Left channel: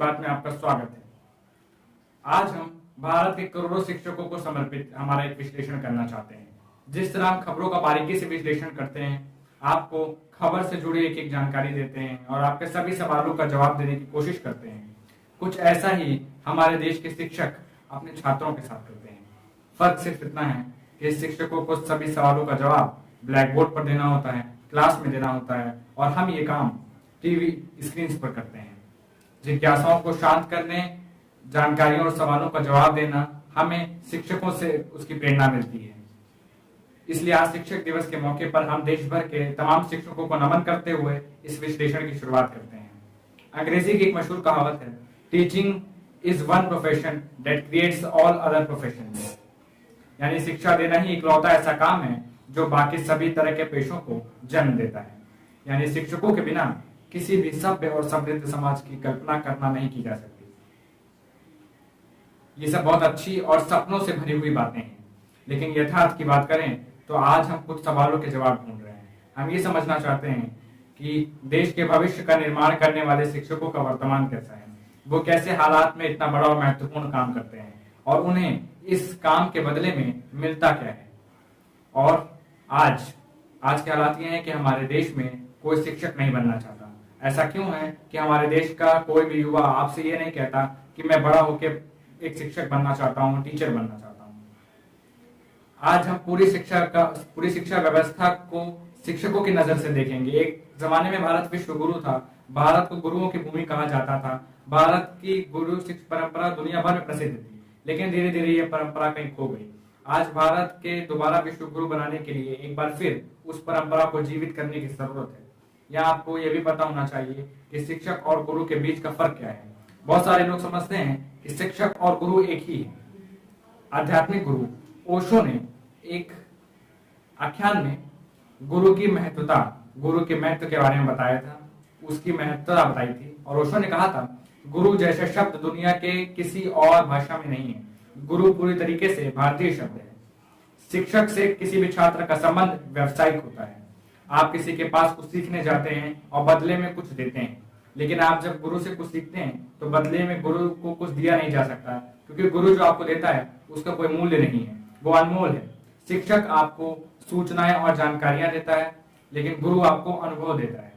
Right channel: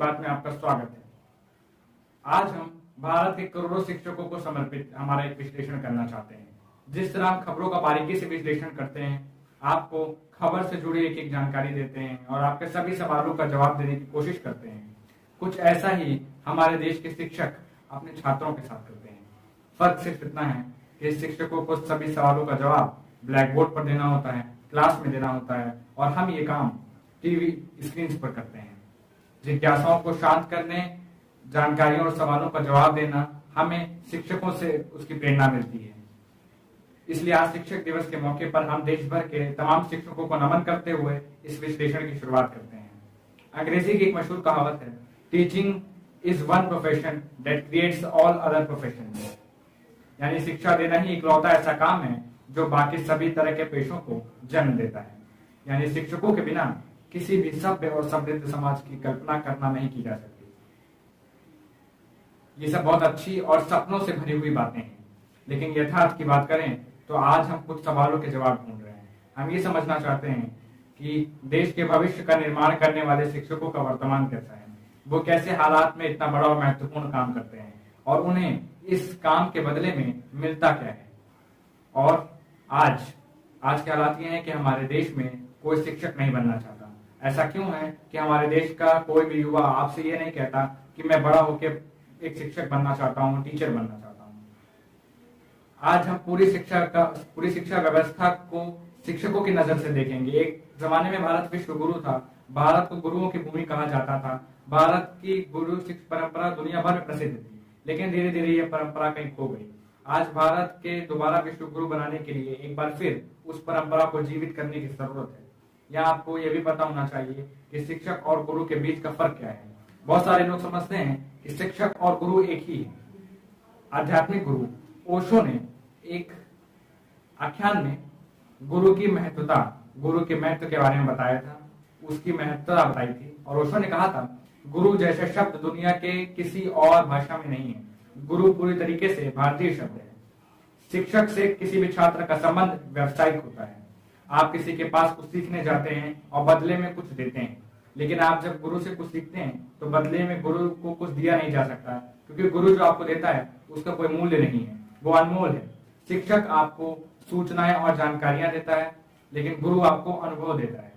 बात में आपका स्वागत है। आज हम भारत के करोड़ों शिक्षकों को समर्पित हमारा एक विश्लेषण करना चाहते हैं। जिस तरह हम खबरों का बारीकी से विश्लेषण करते हैं, आपको खबर से जुड़ी एक एक जानकारी देते हैं और आपके सभी सवालों का जवाब देने की कोशिश करते हैं, कुछ ऐसा ही हमारे देश के शिक्षक अपने छात्रों के साथ करते हैं। फर्क सिर्फ इतना है कि शिक्षकों को सभी सवालों का जवाब ब्लैक बोर्ड पर देना होता है, क्लास में देना होता है, और हम ये काम टीवी स्क्रीन पर करते हैं। जिज्ञासाओं को शांत करने, जानकारियों और सवालों का जवाब देना, हमें शिक्षकों से उसकी प्रेरणा मिलती है। इसलिए आज शिक्षक दिवस के मौके पर हम देश भर के तमाम शिक्षकों को नमन करते हुए इस विश्लेषण की शुरुआत करते हैं। अंग्रेजी की एक मशहूर कहावत है, teaching is one profession that creates all other professions. यानी शिक्षा देना ही इकलौता ऐसा काम है जो बाकी सभी तरह के पेशों को जन्म देता है। यानी शिक्षकों के बिना किसी भी सभ्य और समृद्ध समाज की कल्पना करना नहीं की जा सकती। ये सब बहुत अच्छी और सपनों से भरी हुई बातें हैं, लेकिन यथार्थ की बात करें तो आज हम कुछ सवालों के जवाब ढूंढ रहे हैं। हम ये समझना चाहते हैं कि देश के भविष्य का निर्माण करने वाले शिक्षकों का वर्तमान कैसा है, वो कैसे हालात में इतना बड़ा और महत्वपूर्ण काम करते हैं, और उन्हें इस काम के बदले में मिलता क्या है। और आज के हालात ये हैं कि हमारे देश में कोई शिक्षक नहीं बनना चाहता। ऐसा क्यों है कि हमारे देश का कोई भी युवा आपसे ये नहीं कहता कि मैं बड़ा होकर एक शिक्षक बनना चाहता हूँ, टीचर बनना चाहता हूँ। आज हम पूरी शिक्षा व्यवस्था को शिक्षकों की नजर से देखेंगे। एक जमाने में भारत विश्व गुरु था, भारत को गुरुओं की भूमि कहा जाता था, भारत की गुरु शिक्षा परंपरा दुनिया भर में प्रसिद्ध थी, लेकिन धीरे धीरे यह परंपरा कहीं खो गई। आज भारत के दोबारा विश्व गुरु बनाने के लिए एक बार फिर उस परंपरा को जीवित करने की जरूरत है। या आपको यह भी पता होना चाहिए कि शिक्षक और गुरु के बीच का फर्क क्या है। बहुत सारे लोग समझते हैं कि शिक्षक और गुरु एक ही है। आध्यात्मिक गुरु ओशो ने एक आख्यान में गुरु के महत्व के बारे में बताया था, उसकी महत्वता बताई थी। और ओशो ने कहा था, गुरु जैसे शब्द दुनिया के किसी और भाषा में नहीं है। गुरु पूरी तरीके से भारतीय शब्द है। शिक्षक से किसी भी छात्र का संबंध व्यावसायिक होता है। आप किसी के पास कुछ सीखने जाते हैं और बदले में कुछ देते हैं, लेकिन आप जब गुरु से कुछ सीखते हैं तो बदले में गुरु को कुछ दिया नहीं जा सकता, क्योंकि गुरु जो आपको देता है उसका कोई मूल्य नहीं है, वो अनमोल है। शिक्षक आपको सूचनाएं और जानकारियां देता है, लेकिन गुरु आपको अनुभव देता है।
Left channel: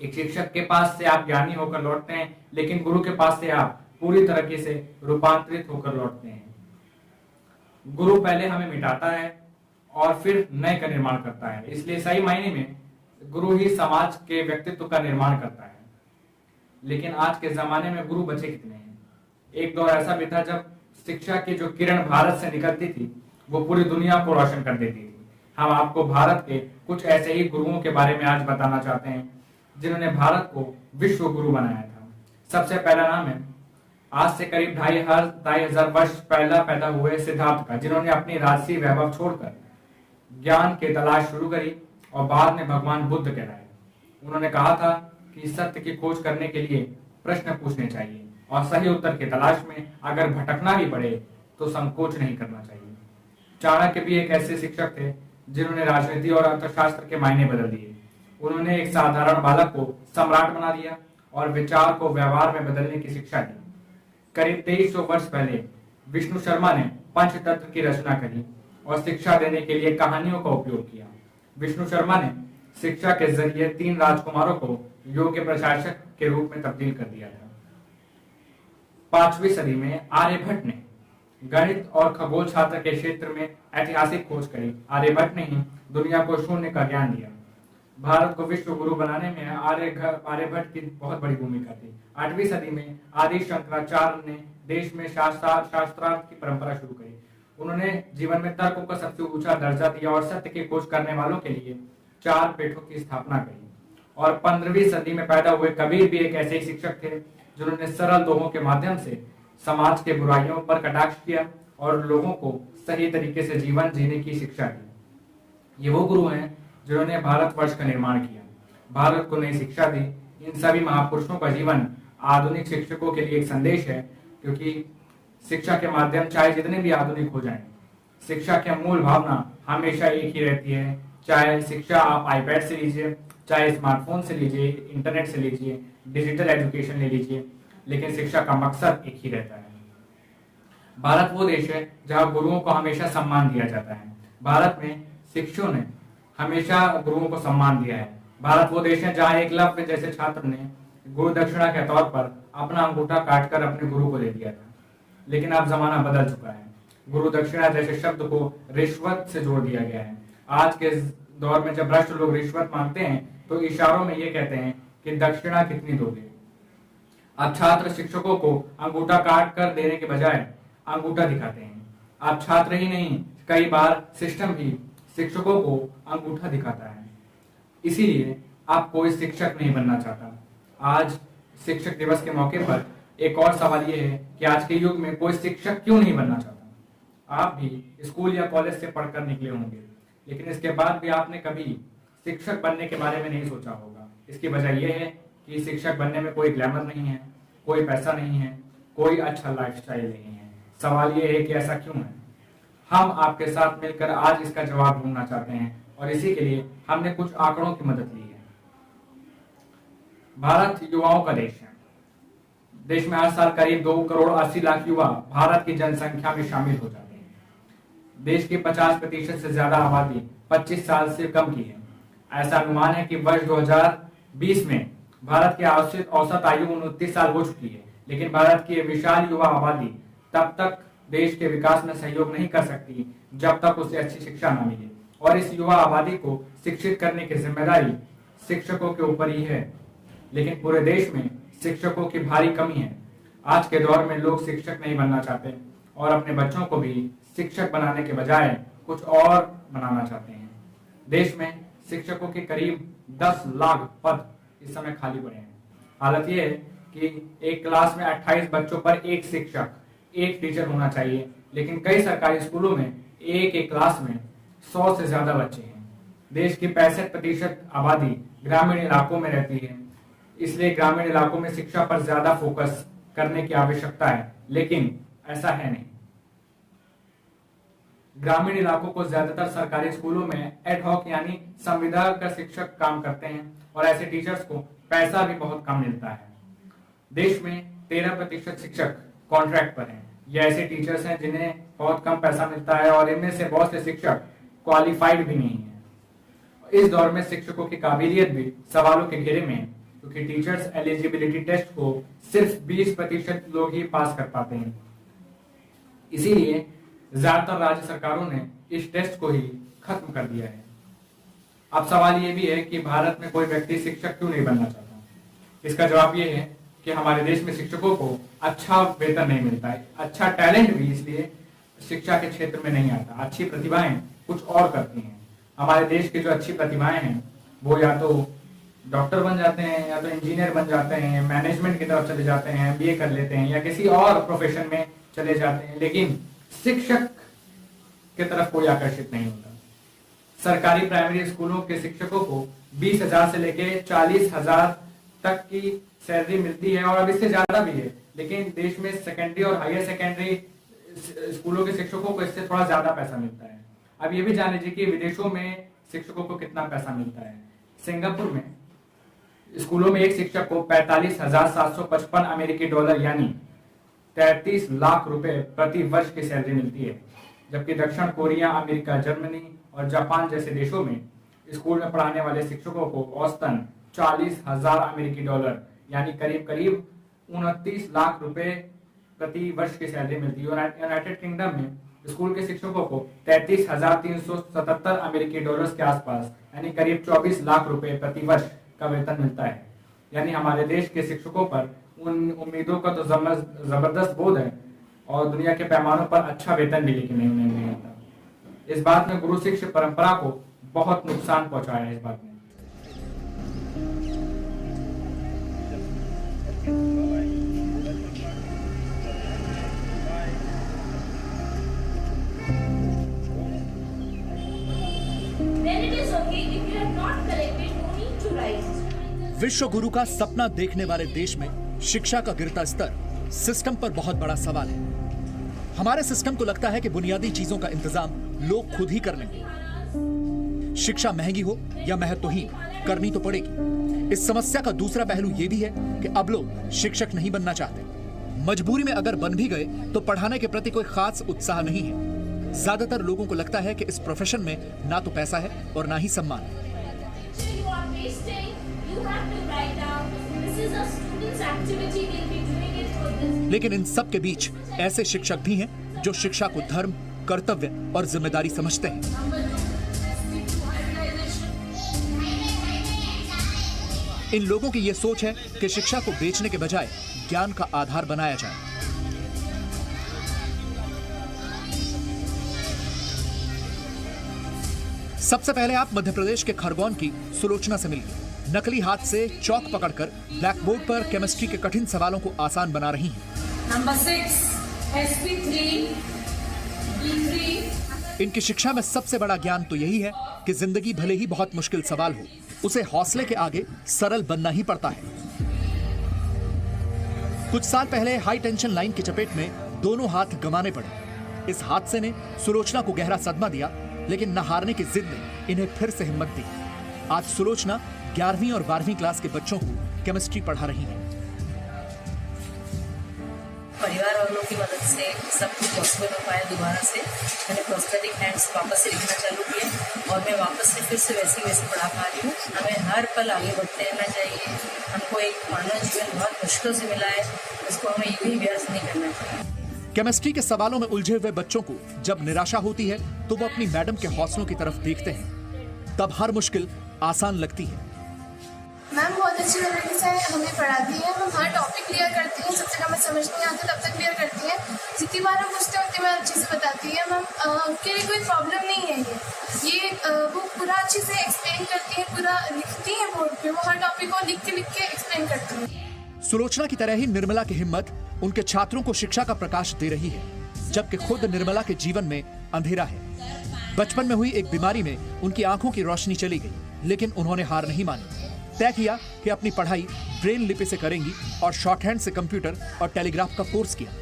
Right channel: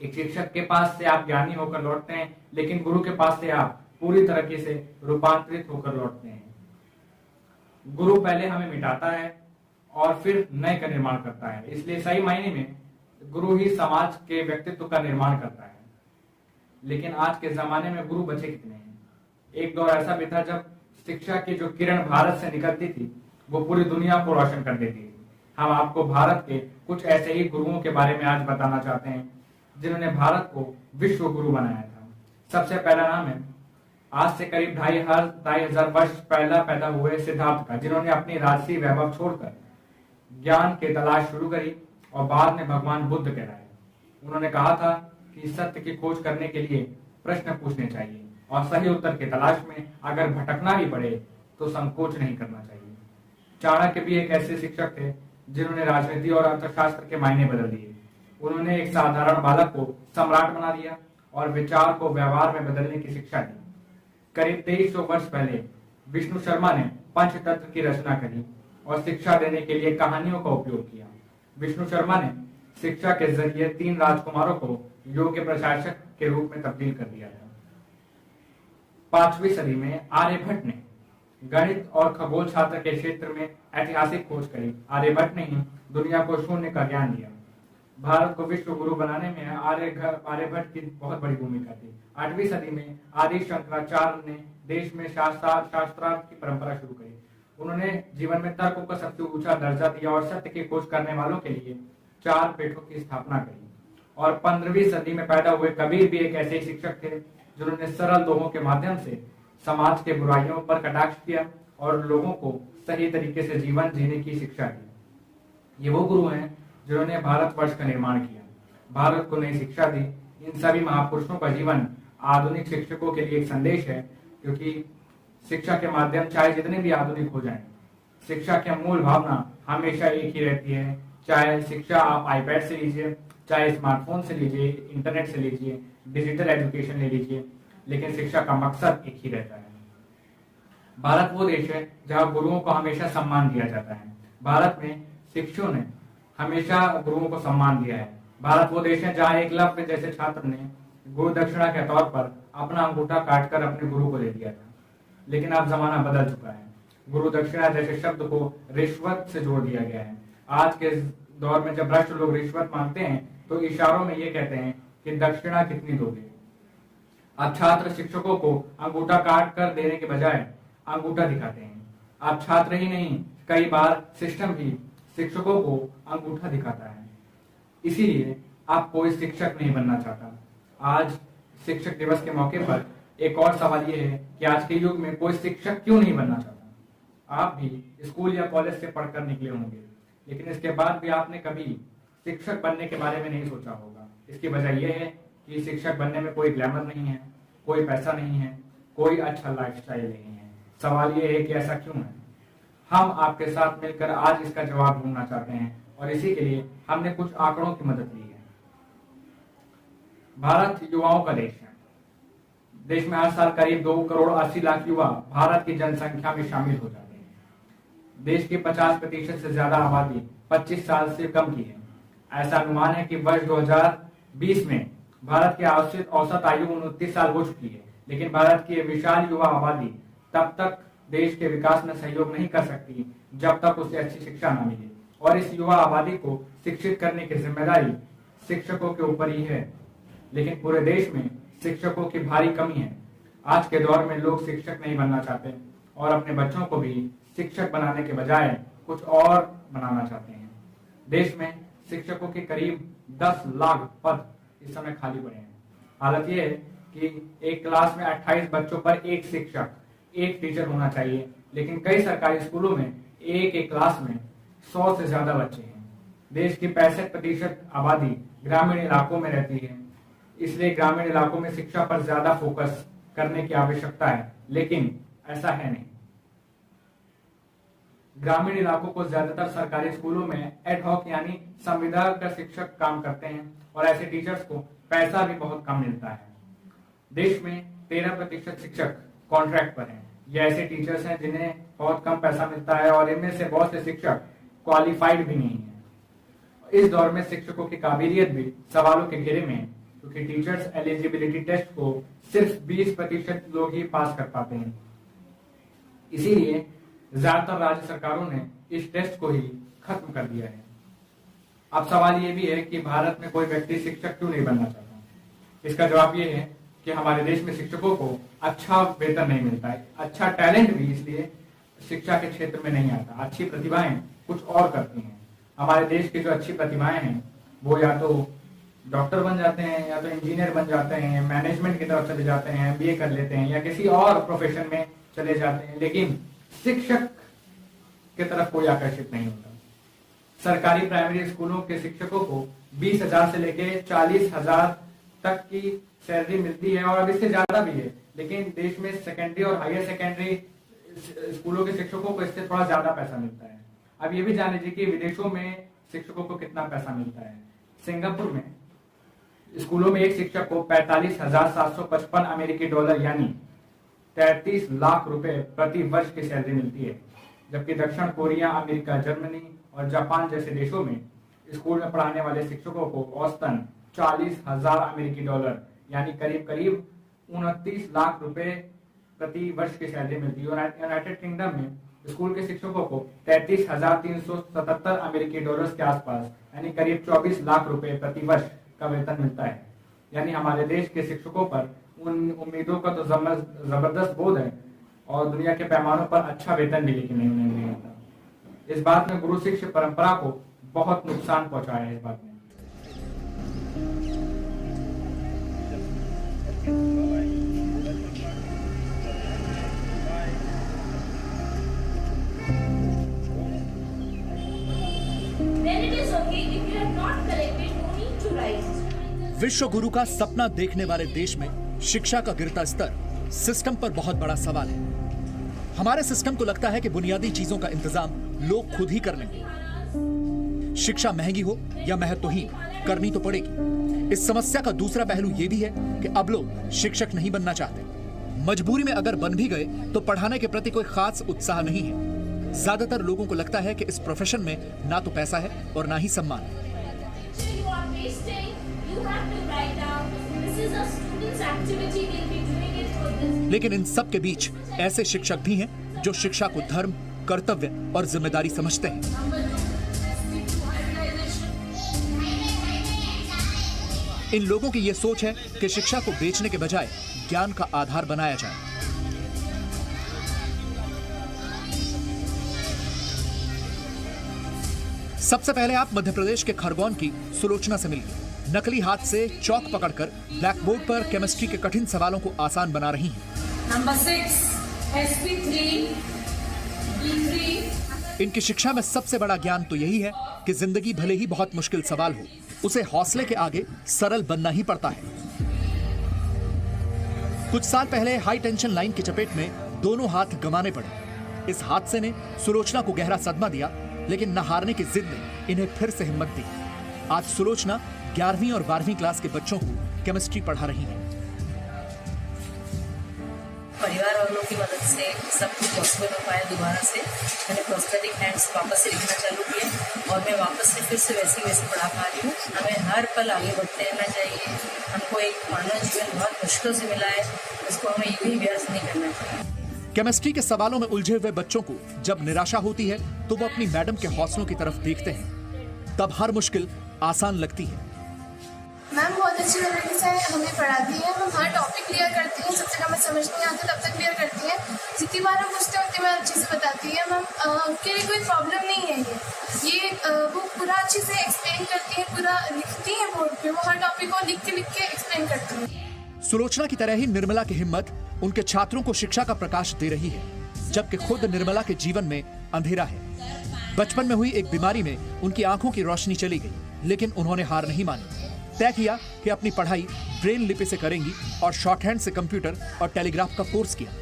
एक शिक्षक के पास से आप ज्ञानी होकर लौटते हैं, लेकिन गुरु के पास से आप पूरी तरीके से रूपांतरित होकर लौटते हैं। गुरु पहले हमें मिटाता है और फिर नए का निर्माण करता है। इसलिए सही मायने में गुरु ही समाज के व्यक्तित्व का निर्माण करता है। लेकिन आज के जमाने में गुरु बचे कितने हैं? एक दौर ऐसा भी था जब शिक्षा की जो किरण भारत से निकलती थी वो पूरी दुनिया को रोशन कर देती थी। हम आपको भारत के कुछ ऐसे ही गुरुओं के बारे में आज बताना चाहते हैं जिन्होंने भारत को विश्व गुरु बनाया था। सबसे पहला नाम है आज से करीब 2500 वर्ष पहला पैदा हुए सिद्धार्थ का, जिन्होंने अपनी राजसी वैभव छोड़कर ज्ञान की तलाश शुरू करी और बाद में भगवान बुद्ध कहलाए। उन्होंने कहा था कि सत्य की खोज करने के लिए प्रश्न पूछने चाहिए और सही उत्तर की तलाश में अगर भटकना भी पड़े तो संकोच नहीं करना चाहिए। चाणक्य भी एक ऐसे शिक्षक थे जिन्होंने राजनीति और अर्थशास्त्र के मायने बदल दिए। उन्होंने एक साधारण बालक को सम्राट बना दिया और विचार को व्यवहार में बदलने की शिक्षा दी। करीब 2300 वर्ष पहले विष्णु शर्मा ने पंचतत्व की रचना करी और शिक्षा देने के लिए कहानियों का उपयोग किया। विष्णु शर्मा ने शिक्षा के जरिए 3 राजकुमारों को योग के प्रशासक के रूप में तब्दील कर दिया था। 5वीं सदी में आर्यभट्ट ने गणित और खगोल शास्त्र के क्षेत्र में ऐतिहासिक खोज करी। आर्यभट्ट ने ही दुनिया को शून्य का ज्ञान दिया। भारत को विश्व गुरु बनाने में आर्यभट्ट की बहुत बड़ी भूमिका थी। 8वीं सदी में आदि शंकराचार्य ने देश में शास्त्रार्थ की परंपरा शुरू करी। उन्होंने जीवन में तर्क को सबसे ऊंचा दर्जा दिया और सत्य की खोज करने वालों के लिए 4 पीठों की स्थापना करी। और 15वीं सदी में पैदा हुए कबीर भी एक ऐसे ही शिक्षक थे जिन्होंने सरल दोहों के माध्यम से समाज के बुराइयों पर कटाक्ष किया और लोगों को सही तरीके से जीवन जीने की शिक्षा दी। ये वो गुरु हैं जिन्होंने भारतवर्ष का निर्माण किया, भारत को नई शिक्षा दी। इन सभी महापुरुषों का जीवन आधुनिक शिक्षकों के लिए एक संदेश है, क्योंकि शिक्षा के माध्यम चाहे जितने भी आधुनिक हो जाएं, शिक्षा की मूल भावना हमेशा एक ही रहती है। चाहे शिक्षा आप आईपैड से लीजिए, चाहे स्मार्टफोन से लीजिए, इंटरनेट से लीजिए, डिजिटल एजुकेशन ले लीजिए, लेकिन शिक्षा का मकसद एक ही रहता है। भारत वो देश है जहाँ गुरुओं को हमेशा सम्मान दिया जाता है। भारत में शिक्षकों ने हमेशा गुरुओं को सम्मान दिया है। भारत वो देश है जहाँ एकलव्य जैसे छात्र ने गुरु दक्षिणा के तौर पर अपना अंगूठा काटकर अपने गुरु को दे दिया था। लेकिन अब जमाना बदल चुका है। गुरु दक्षिणा जैसे शब्द को रिश्वत से जोड़ दिया गया है। आज के दौर में जब भ्रष्ट लोग रिश्वत मांगते हैं तो इशारों में ये कहते हैं कि दक्षिणा कितनी दोगे। अब छात्र शिक्षकों को अंगूठा काट कर देने के बजाय अंगूठा दिखाते हैं। अब छात्र ही नहीं, कई बार सिस्टम भी शिक्षकों को अंगूठा दिखाता है। इसीलिए अब कोई शिक्षक नहीं बनना चाहता। आज शिक्षक दिवस के मौके पर एक और सवाल ये है कि आज के युग में कोई शिक्षक क्यों नहीं बनना चाहता। आप भी स्कूल या कॉलेज से पढ़कर निकले होंगे, लेकिन इसके बाद भी आपने कभी शिक्षक बनने के बारे में नहीं सोचा होगा। इसकी वजह यह है कि शिक्षक बनने में कोई ग्लैमर नहीं है, कोई पैसा नहीं है, कोई अच्छा लाइफस्टाइल नहीं है। सवाल ये है कि ऐसा क्यों है। हम आपके साथ मिलकर आज इसका जवाब ढूंढना चाहते हैं और इसी के लिए हमने कुछ आंकड़ों की मदद ली है। भारत युवाओं का देश है। देश में हर साल करीब 2 करोड़ 80 लाख युवा भारत की जनसंख्या में शामिल हो जाते हैं। देश की 50% से ज्यादा आबादी 25 साल से कम की है। ऐसा अनुमान है कि वर्ष 2020 में भारत की औसत आयु 29 साल हो चुकी है। लेकिन भारत की विशाल युवा आबादी तब तक देश के विकास में सहयोग नहीं कर सकती जब तक उसे अच्छी शिक्षा न मिले, और इस युवा आबादी को शिक्षित करने की जिम्मेदारी शिक्षकों के ऊपर ही है। लेकिन पूरे देश में शिक्षकों की भारी कमी है। आज के दौर में लोग शिक्षक नहीं बनना चाहते और अपने बच्चों को भी शिक्षक बनाने के बजाय कुछ और बनाना चाहते हैं। देश में शिक्षकों के करीब 10 लाख पद इस समय खाली पड़े हैं। हालत यह है कि एक क्लास में 28 बच्चों पर एक शिक्षक, एक टीचर होना चाहिए, लेकिन कई सरकारी स्कूलों में एक क्लास में 100 से ज्यादा बच्चे हैं। देश की 65% आबादी ग्रामीण इलाकों में रहती है, इसलिए ग्रामीण इलाकों में शिक्षा पर ज्यादा फोकस करने की आवश्यकता है, लेकिन ऐसा है नहीं। ग्रामीण इलाकों को ज्यादातर सरकारी स्कूलों में एडहॉक यानी संविदा का शिक्षक काम करते हैं और ऐसे टीचर्स को पैसा भी बहुत कम मिलता है। देश में 13% शिक्षक कॉन्ट्रैक्ट पर हैं। ये ऐसे टीचर्स हैं जिन्हें बहुत कम पैसा मिलता है और इनमें से बहुत से शिक्षक क्वालिफाइड भी नहीं है। इस दौर में शिक्षकों की काबिलियत भी सवालों के घेरे में है, क्योंकि टीचर्स एलिजिबिलिटी टेस्ट को सिर्फ 20% लोग ही पास कर पाते हैं। इसीलिए ज्यादातर राज्य सरकारों ने इस टेस्ट को ही खत्म कर दिया है। अब सवाल ये भी है कि भारत में कोई व्यक्ति शिक्षक क्यों नहीं बनना चाहता। इसका जवाब ये है कि हमारे देश में शिक्षकों को अच्छा वेतन नहीं मिलता है। अच्छा टैलेंट भी इसलिए शिक्षा के क्षेत्र में नहीं आता। अच्छी प्रतिभाएं कुछ और करती हैं। हमारे देश की जो अच्छी प्रतिभाएं हैं वो या तो डॉक्टर बन जाते हैं, या तो इंजीनियर बन जाते हैं, मैनेजमेंट की तरफ चले जाते हैं, MBA कर लेते हैं, या किसी और प्रोफेशन में चले जाते हैं, लेकिन शिक्षक की तरफ कोई आकर्षित नहीं होता। सरकारी प्राइमरी स्कूलों के शिक्षकों को 20,000 से लेके 40,000 तक की सैलरी मिलती है और अब इससे ज्यादा भी है। लेकिन देश में सेकेंडरी और हायर सेकेंडरी स्कूलों के शिक्षकों को इससे थोड़ा ज्यादा पैसा मिलता है। अब ये भी जान लीजिए कि विदेशों में शिक्षकों को कितना पैसा मिलता है। सिंगापुर में स्कूलों में एक शिक्षक को 45,755 अमेरिकी डॉलर यानी 33 लाख रुपए प्रति वर्ष की सैलरी मिलती है, जबकि दक्षिण कोरिया, अमेरिका, जर्मनी और जापान जैसे देशों में स्कूल में पढ़ाने वाले शिक्षकों को औसतन 40,000 अमेरिकी डॉलर यानी करीब करीब 29 लाख रुपए प्रति वर्ष की सैलरी मिलती है। यूनाइटेड किंगडम में स्कूल के शिक्षकों को 33,377 अमेरिकी डॉलर्स के आसपास यानी करीब 24 लाख रुपए प्रति वर्ष का वेतन मिलता है। यानी हमारे देश के शिक्षकों पर उन उम्मीदों का तो जबरदस्त बोझ है और दुनिया के पैमानों पर अच्छा वेतन भी लेकिन उन्हें नहीं आता। इस बात में गुरु शिष्य परंपरा को बहुत नुकसान पहुंचाया है। इस बात में विश्व गुरु का सपना देखने वाले देश में शिक्षा का गिरता स्तर सिस्टम पर बहुत बड़ा सवाल है। हमारे सिस्टम को लगता है कि बुनियादी चीजों का इंतजाम लोग खुद ही कर लेंगे। शिक्षा महंगी हो या महत्वहीन, करनी तो पड़ेगी। इस समस्या का दूसरा पहलू यह भी है कि अब लोग शिक्षक नहीं बनना चाहते। मजबूरी में अगर बन भी गए तो पढ़ाने के प्रति कोई खास उत्साह नहीं है। ज्यादातर लोगों को लगता है कि इस प्रोफेशन में ना तो पैसा है और ना ही सम्मान। लेकिन इन सब के बीच ऐसे शिक्षक भी हैं जो शिक्षा को धर्म, कर्तव्य और जिम्मेदारी समझते हैं। इन लोगों की यह सोच है कि शिक्षा को बेचने के बजाय ज्ञान का आधार बनाया जाए। सबसे पहले आप मध्य प्रदेश के खरगोन की सुलोचना से मिलिए। नकली हाथ से चौक पकड़कर ब्लैक बोर्ड पर केमिस्ट्री के कठिन सवालों को आसान बना रही हैं। Number 6 sp3 b3। इनकी शिक्षा में सबसे बड़ा ज्ञान तो यही है कि जिंदगी भले ही बहुत मुश्किल सवाल हो, उसे हौसले के आगे सरल बनना ही पड़ता है। कुछ साल पहले हाई टेंशन लाइन की चपेट में दोनों हाथ गंवाने पड़े। इस हादसे ने सुलोचना को गहरा सदमा दिया, लेकिन न हारने की जिद ने इन्हें फिर से हिम्मत दी। आज सुलोचना 11वीं और 12वीं क्लास के बच्चों को केमिस्ट्री पढ़ा रही हैं। परिवार वालों की मदद से सब कुछ पॉसिबल हो पाया। दोबारा से मैंने प्रोस्थेटिक हैंड्स वापस से लिखना चालू किया और मैं वापस से फिर से वैसे पढ़ा पा रही हूँ। हमें हर पल आगे बढ़ते रहना चाहिए। हमको एक मानव जीवन बहुत मुश्किल से मिला है, उसको हमें यूं ही व्यर्थ नहीं करना चाहिए। केमिस्ट्री के सवालों में उलझे हुए बच्चों को जब निराशा होती है तो वो अपनी मैडम के हौसलों की तरफ देखते हैं। तब हर मुश्किल आसान लगती है। मैम बहुत अच्छी तरीके से हमें पढ़ाती है। हम हर टॉपिक क्लियर करती हैं। जब तक हमें समझ नहीं आता तब तक क्लियर करती हैं। जितनी बार हम पूछते हैं उतनी बार अच्छे से बताती है। मैम उनके लिए कोई प्रॉब्लम नहीं है। ये वो पूरा अच्छे से एक्सप्लेन करती है, पूरा लिखती है बोर्ड पे। वो हर टॉपिक को लिख के एक्सप्लेन करती है। सुलोचना की तरह ही निर्मला की हिम्मत उनके छात्रों को शिक्षा का प्रकाश दे रही है, जबकि खुद निर्मला के जीवन में अंधेरा है। बचपन में हुई एक बीमारी में उनकी आंखों की रोशनी चली गई, लेकिन उन्होंने हार नहीं मानी। तय किया कि अपनी पढ़ाई ब्रेल लिपि से करेंगी और शॉर्ट हैंड से कंप्यूटर और टेलीग्राफ का कोर्स किया।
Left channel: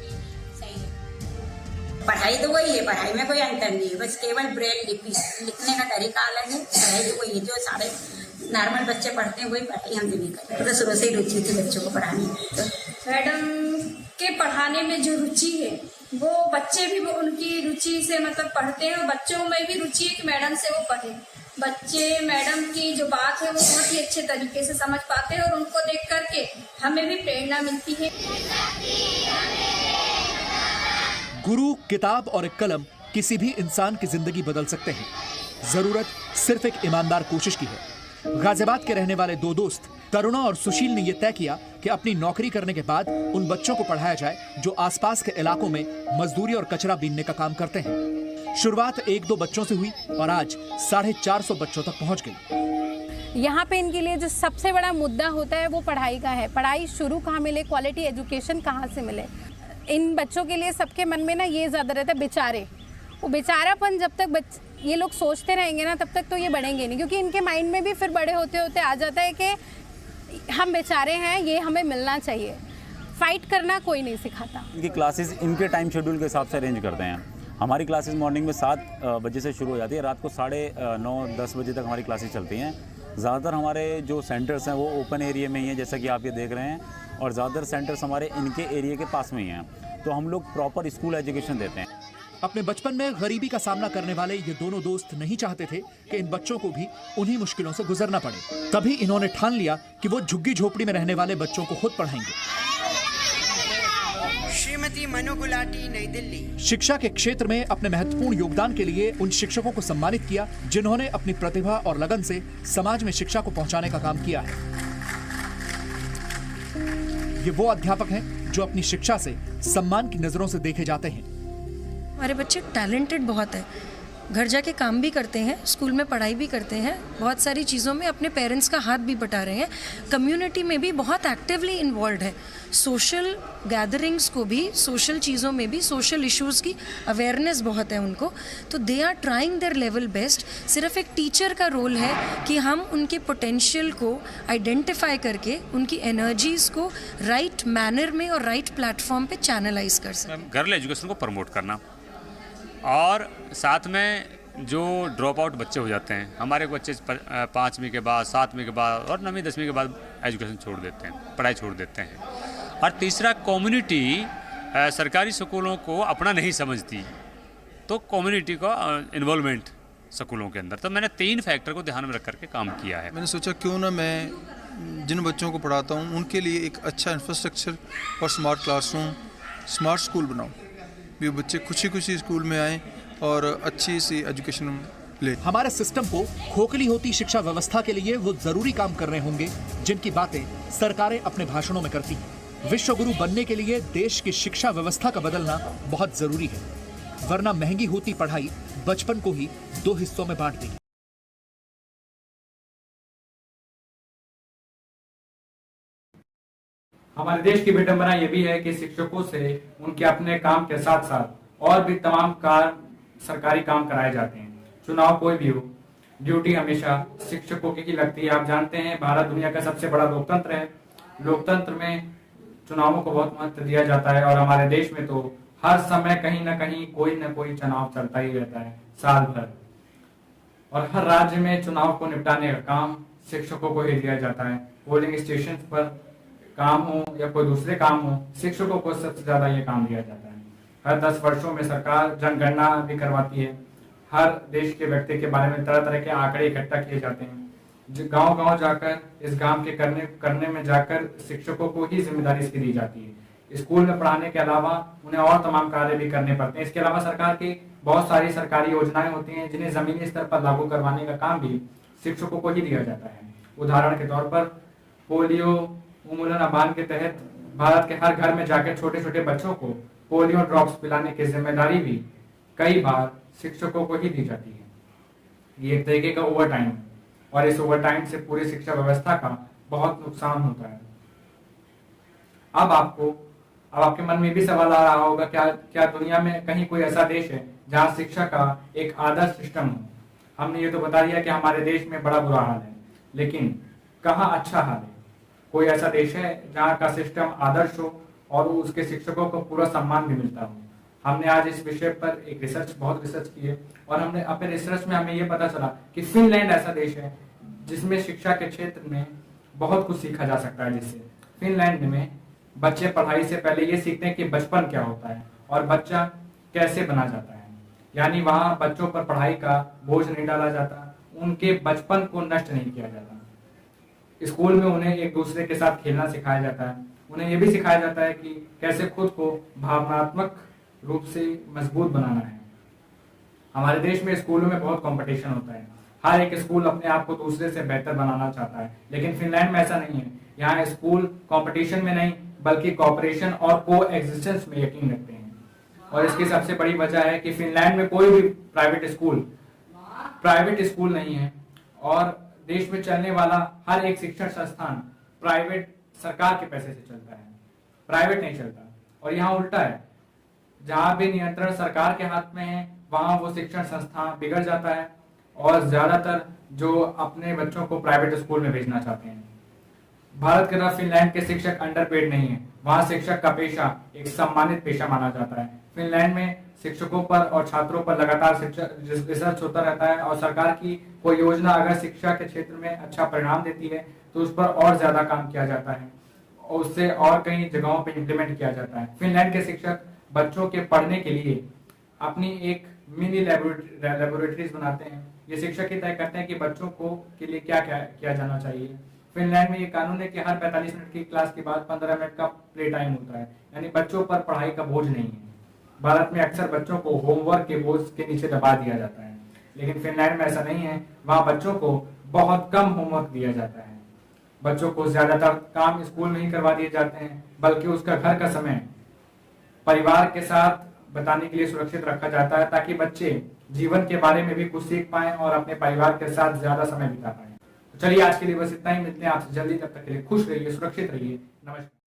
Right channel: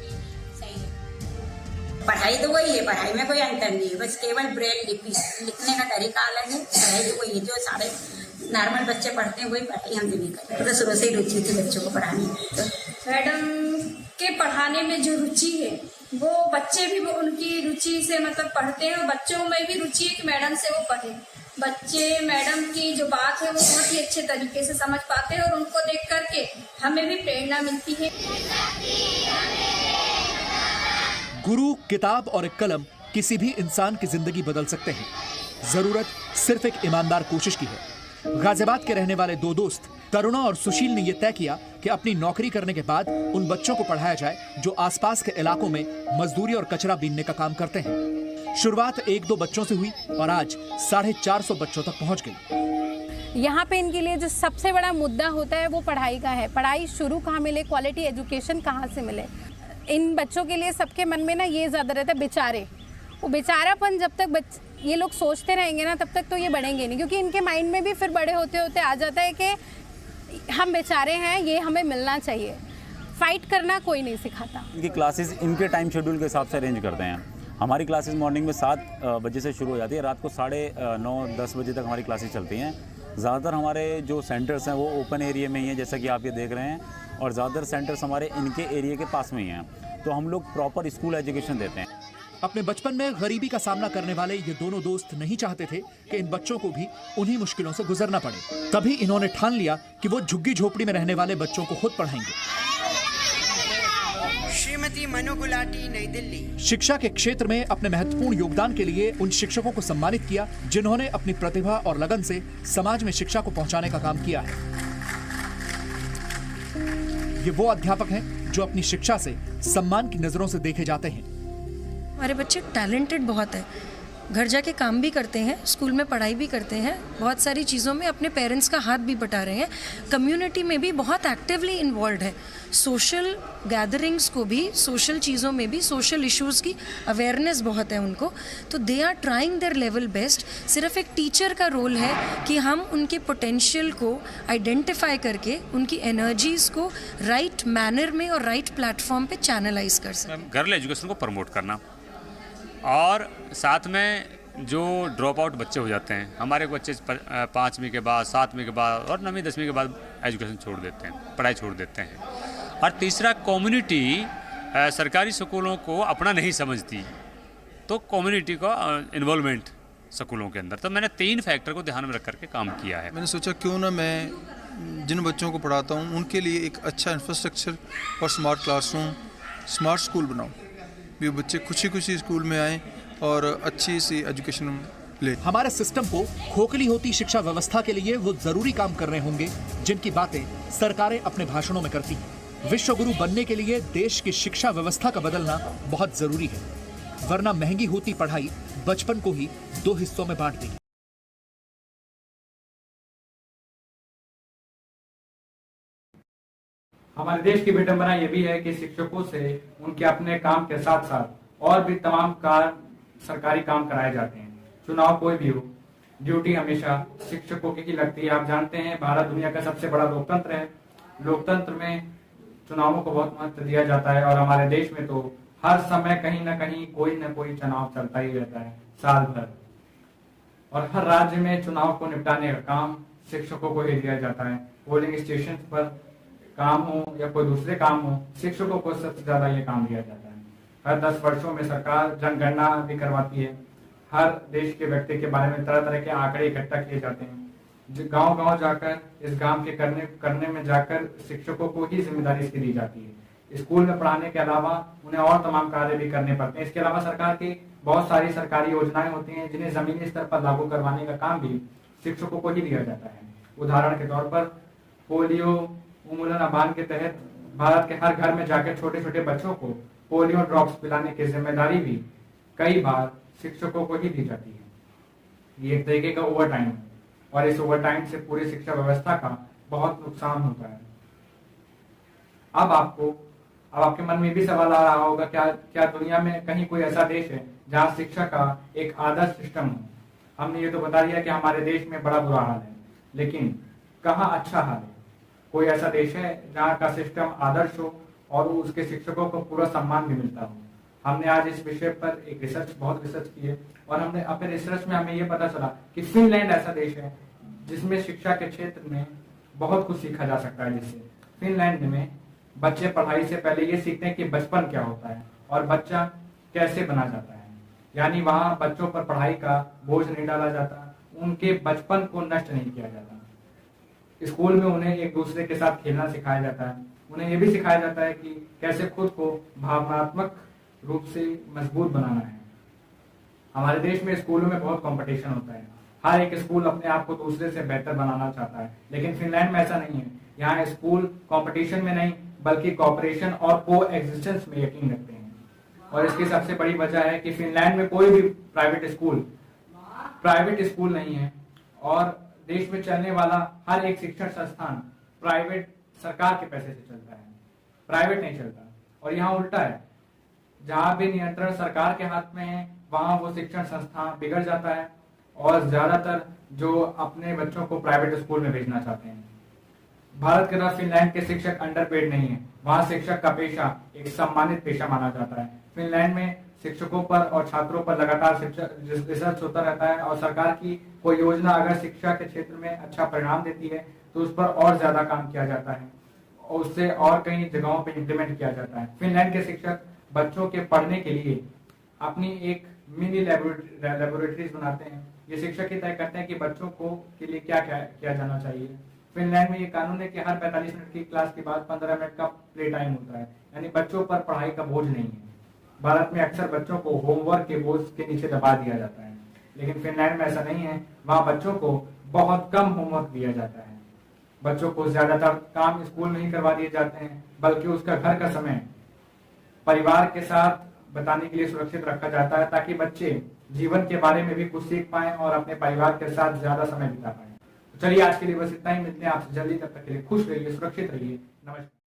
पढ़ाई तो वही है, पढ़ाई में कोई अंतर नहीं है, बस केवल ब्रेल लिपि लिखने का तरीका अलग है। पढ़ाई तो वही है जो सारे नॉर्मल बच्चे पढ़ते हैं, वही पढ़ाई हम भी नहीं करते। तो शुरू से ही रुचि थी बच्चों को पढ़ाने में। तो मैडम के पढ़ाने में जो रुचि है वो बच्चे भी उनकी रुचि से मतलब पढ़ते हैं और बच्चों में भी रुचि है कि मैडम से वो पढ़े। बच्चे मैडम की जो बात है वो बहुत ही अच्छे तरीके से समझ पाते हैं और उनको देख करके हमें भी प्रेरणा मिलती है। गुरु, किताब और एक कलम किसी भी इंसान की जिंदगी बदल सकते हैं। जरूरत सिर्फ एक ईमानदार कोशिश की है। गाजियाबाद के रहने वाले दो दोस्त करुणा और सुशील ने यह तय किया कि अपनी नौकरी करने के बाद उन बच्चों को पढ़ाया जाए जो आसपास के इलाकों में मजदूरी और कचरा बीनने का काम करते हैं। शुरुआत 1-2 बच्चों से हुई और आज 450 बच्चों तक पहुंच गई। यहाँ पे इनके लिए जो सबसे बड़ा मुद्दा होता है वो पढ़ाई का है। पढ़ाई शुरू कहाँ मिले, क्वालिटी एजुकेशन कहाँ से मिले। इन बच्चों के लिए सबके मन में ना ये ज़्यादा रहता है बेचारे। वो बेचारापन जब तक ये लोग सोचते रहेंगे ना तब तक तो ये बढ़ेंगे नहीं, क्योंकि इनके माइंड में भी फिर बड़े होते होते आ जाता है कि हम बेचारे हैं, ये हमें मिलना चाहिए। फाइट करना कोई नहीं सिखाता। इनकी क्लासेस इनके टाइम शेड्यूल के हिसाब से अरेंज करते हैं। हमारी क्लासेस मॉर्निंग में 7 बजे से शुरू हो जाती है, रात को 9:30-10 बजे तक हमारी क्लासेस चलती हैं। ज़्यादातर हमारे जो सेंटर्स हैं वो ओपन एरिया में ही हैं, जैसा कि आप ये देख रहे हैं, और ज़्यादातर सेंटर्स हमारे इनके एरिया के पास में ही हैं। तो हम लोग प्रॉपर स्कूल एजुकेशन देते हैं। अपने बचपन में गरीबी का सामना करने वाले ये दोनों दोस्त नहीं चाहते थे कि इन बच्चों को भी उन्हीं मुश्किलों से गुजरना पड़े। तभी इन्होंने ठान लिया कि वो झुग्गी झोपड़ी में रहने वाले बच्चों को खुद पढ़ाएंगे। श्रीमती मनु गुलाटी, नई दिल्ली। शिक्षा के क्षेत्र में अपने महत्वपूर्ण योगदान के लिए उन शिक्षकों को सम्मानित किया जिन्होंने अपनी प्रतिभा और लगन से समाज में शिक्षा को पहुंचाने का काम किया है। ये वो अध्यापक हैं जो अपनी शिक्षा से सम्मान की नजरों से देखे जाते हैं। हमारे बच्चे टैलेंटेड बहुत है, घर जाके काम भी करते हैं, स्कूल में पढ़ाई भी करते हैं, बहुत सारी चीज़ों में अपने पेरेंट्स का हाथ भी बटा रहे हैं, कम्युनिटी में भी बहुत एक्टिवली इन्वॉल्व है, सोशल गैदरिंग्स को भी, सोशल चीज़ों में भी, सोशल इश्यूज़ की अवेयरनेस बहुत है उनको। तो they are trying their level best. सिर्फ एक टीचर का रोल है कि हम उनके पोटेंशियल को आइडेंटिफाई करके उनकी एनर्जीज़ को राइट मैनर में और राइट प्लेटफॉर्म पे चैनलाइज कर सकें। गर्ल एजुकेशन को प्रमोट करना और साथ में जो ड्रॉप आउट बच्चे हो जाते हैं, हमारे बच्चे 5वीं के बाद, 7वीं के बाद और 9वीं 10वीं के बाद एजुकेशन छोड़ देते हैं, पढ़ाई छोड़ देते हैं। और तीसरा, कम्युनिटी सरकारी स्कूलों को अपना नहीं समझती, तो कम्युनिटी का इन्वॉल्वमेंट स्कूलों के अंदर, तो मैंने 3 फैक्टर को ध्यान में रख करके काम किया है। मैंने सोचा क्यों ना मैं जिन बच्चों को पढ़ाता हूँ उनके लिए एक अच्छा इंफ्रास्ट्रक्चर और स्मार्ट क्लासरूम, स्मार्ट स्कूल बनाऊँ, भी बच्चे खुशी खुशी स्कूल में आएँ और अच्छी सी एजुकेशन ले। हमारे सिस्टम को खोखली होती शिक्षा व्यवस्था के लिए वो जरूरी काम कर रहे होंगे जिनकी बातें सरकारें अपने भाषणों में करती हैं। विश्व गुरु बनने के लिए देश की शिक्षा व्यवस्था का बदलना बहुत जरूरी है, वरना महंगी होती पढ़ाई बचपन को ही 2 हिस्सों में बांट देगी। हमारे देश की विडंबना ये भी है कि शिक्षकों से उनके अपने काम के साथ साथ और भी तमाम सरकारी काम कराए जाते हैं। चुनाव कोई भी हो, ड्यूटी हमेशा शिक्षकों की लगती है। आप जानते हैं भारत दुनिया का सबसे बड़ा लोकतंत्र है। लोकतंत्र में चुनावों को बहुत महत्व दिया जाता है और हमारे देश में तो हर समय कहीं ना कहीं कोई ना कोई चुनाव चलता ही रहता है साल भर, और हर राज्य में चुनाव को निपटाने का काम शिक्षकों को ही दिया जाता है। पोलिंग स्टेशन पर काम हो या कोई दूसरे काम हो, शिक्षकों को सबसे ज्यादा ये काम दिया जाता है। हर 10 वर्षों में सरकार जनगणना भी करवाती है। हर देश के व्यक्ति के बारे में तरह तरह के आंकड़े इकट्ठा किए जाते हैं। गांव गांव जाकर इस काम के करने में जाकर शिक्षकों को ही जिम्मेदारी इसकी दी जाती है। स्कूल में पढ़ाने के अलावा उन्हें और तमाम कार्य भी करने पड़ते हैं। इसके अलावा सरकार की बहुत सारी सरकारी योजनाएं होती हैं जिन्हें जमीनी स्तर पर लागू करवाने का काम भी शिक्षकों को ही दिया जाता है। उदाहरण के तौर पर पोलियो उन्मूलन अभियान के तहत भारत के हर घर में जाकर छोटे छोटे बच्चों को पोलियो ड्रॉप्स पिलाने की जिम्मेदारी भी कई बार शिक्षकों को ही दी जाती है। ये एक तरीके का ओवर टाइम है और इस ओवर टाइम से पूरी शिक्षा व्यवस्था का बहुत नुकसान होता है। अब आपके मन में भी सवाल आ रहा होगा, क्या दुनिया में कहीं कोई ऐसा देश है जहाँ शिक्षा का एक आदर्श सिस्टम हो? हमने ये तो बता दिया कि हमारे देश में बड़ा बुरा हाल है, लेकिन कहाँ अच्छा हाल है? कोई ऐसा देश है जहाँ का सिस्टम आदर्श हो और उसके शिक्षकों को पूरा सम्मान भी मिलता हो? हमने आज इस विषय पर बहुत रिसर्च की है और हमने अपने रिसर्च में हमें ये पता चला कि फिनलैंड ऐसा देश है जिसमें शिक्षा के क्षेत्र में बहुत कुछ सीखा जा सकता है। जिससे फिनलैंड में बच्चे पढ़ाई से पहले ये सीखते हैं कि बचपन क्या होता है और बच्चा कैसे बना जाता है। यानी वहाँ बच्चों पर पढ़ाई का बोझ नहीं डाला जाता, उनके बचपन को नष्ट नहीं किया जाता। स्कूल में उन्हें एक दूसरे के साथ खेलना सिखाया जाता है। उन्हें यह भी सिखाया जाता है कि कैसे खुद को भावनात्मक रूप से मजबूत बनाना है। हमारे देश में स्कूलों में बहुत कंपटीशन होता है। हर एक स्कूल अपने आप को दूसरे से बेहतर बनाना चाहता है, लेकिन फिनलैंड में ऐसा नहीं है। यहाँ स्कूल कंपटीशन में नहीं बल्कि कॉपरेशन और को एग्जिस्टेंस में यकीन रखते हैं। और इसकी सबसे बड़ी वजह है कि फिनलैंड में कोई भी प्राइवेट स्कूल नहीं है और देश में चलने वाला हर एक शिक्षण संस्थान सरकार के पैसे से चलता है, प्राइवेट नहीं चलता। और यहाँ उल्टा है, जहाँ भी नियंत्रण सरकार के हाथ में है वहाँ वो शिक्षण संस्थान बिगड़ जाता है और ज्यादातर जो अपने बच्चों को प्राइवेट स्कूल में भेजना चाहते हैं। भारत के तरह फिनलैंड के शिक्षक अंडरपेड नहीं है। वहाँ शिक्षक का पेशा एक सम्मानित पेशा माना जाता है। फिनलैंड में शिक्षकों पर और छात्रों पर लगातार रिसर्च होता रहता है और सरकार की कोई योजना अगर शिक्षा के क्षेत्र में अच्छा परिणाम देती है तो उस पर और ज्यादा काम किया जाता है और उससे और कई जगहों पर इम्प्लीमेंट किया जाता है। फिनलैंड के शिक्षक बच्चों के पढ़ने के लिए अपनी एक मिनी लेबोरेटरीज बनाते हैं। ये शिक्षक ही तय करते हैं कि बच्चों के लिए क्या किया जाना चाहिए। फिनलैंड में ये कानून है कि हर 45 मिनट की क्लास के बाद 15 मिनट का प्ले टाइम होता है, यानी बच्चों पर पढ़ाई का बोझ नहीं है। भारत में अक्सर बच्चों को होमवर्क के बोझ के नीचे दबा दिया जाता है, लेकिन फिनलैंड में ऐसा नहीं है। वहाँ बच्चों को बहुत कम होमवर्क दिया जाता है। बच्चों को ज्यादातर काम स्कूल में ही करवा दिए जाते हैं, बल्कि उसका घर का समय परिवार के साथ बताने के लिए सुरक्षित रखा जाता है ताकि बच्चे जीवन के बारे में भी कुछ सीख पाएं और अपने परिवार के साथ ज्यादा समय बिता पाएं। तो चलिए आज के लिए बस इतना ही। मिलते हैं आपसे जल्दी, तब तक के लिए खुश रहिए, सुरक्षित रहिए। नमस्कार।